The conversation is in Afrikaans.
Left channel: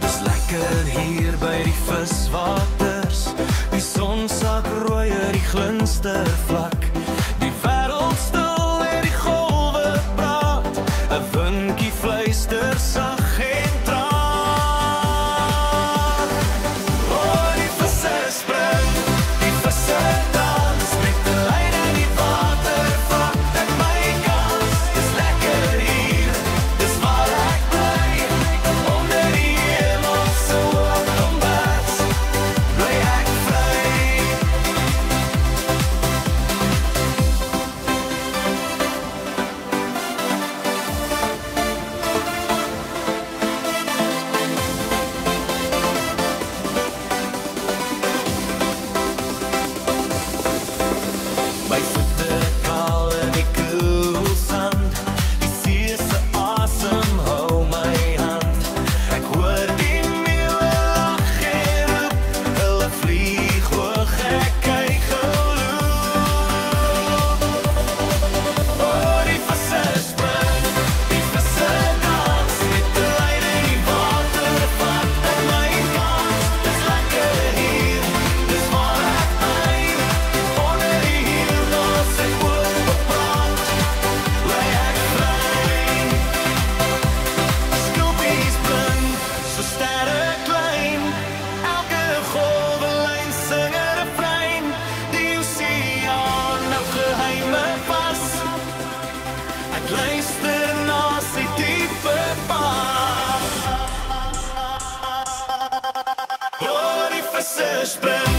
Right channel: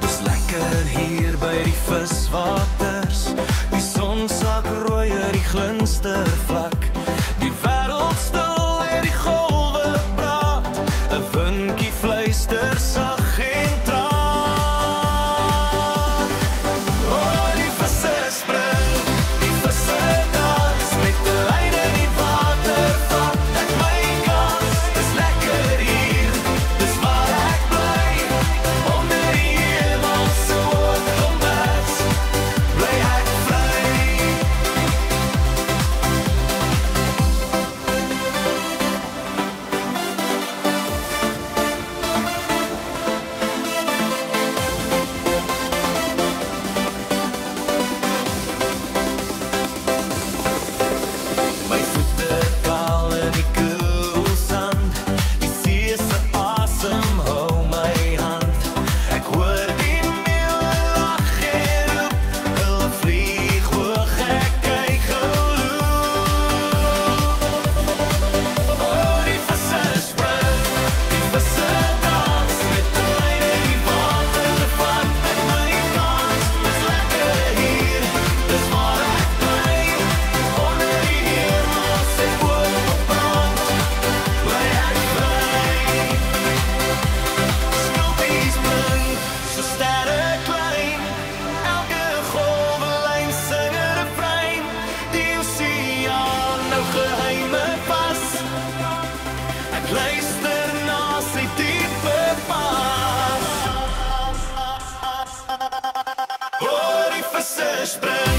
Dis lekker hier by die viswaters. Die son sak rooier die glinstervlak. Die wêreld stil en die golwe praat. 'n Windjie fluister sag en traag. Oh, die visse spring, die visse dans. Met die lyn in die water vat ek my kans. Dis lekker hier, dis waar ek bly. Onder die hemelse hoogkombats bly ek vry. My voete kaal in die koel sand. Die see se asem hou my hand. Ek hoor die meeuwe lag en roep. Hulle vlieg hoog, ek kyk geloop. Oh, die visse spring, die visse dans. Met die lyn in die water vat ek my kans. Dis lekker hier, dis waar ek bly. Onder die hemelse oorbebrand bly ek vry. Skulpies blink, so sterre klein. Elke golwelyn sing 'n refrein. Die oseaan nou geheime vas. Ek luister na sy diepe pas. Hoor die visse spring.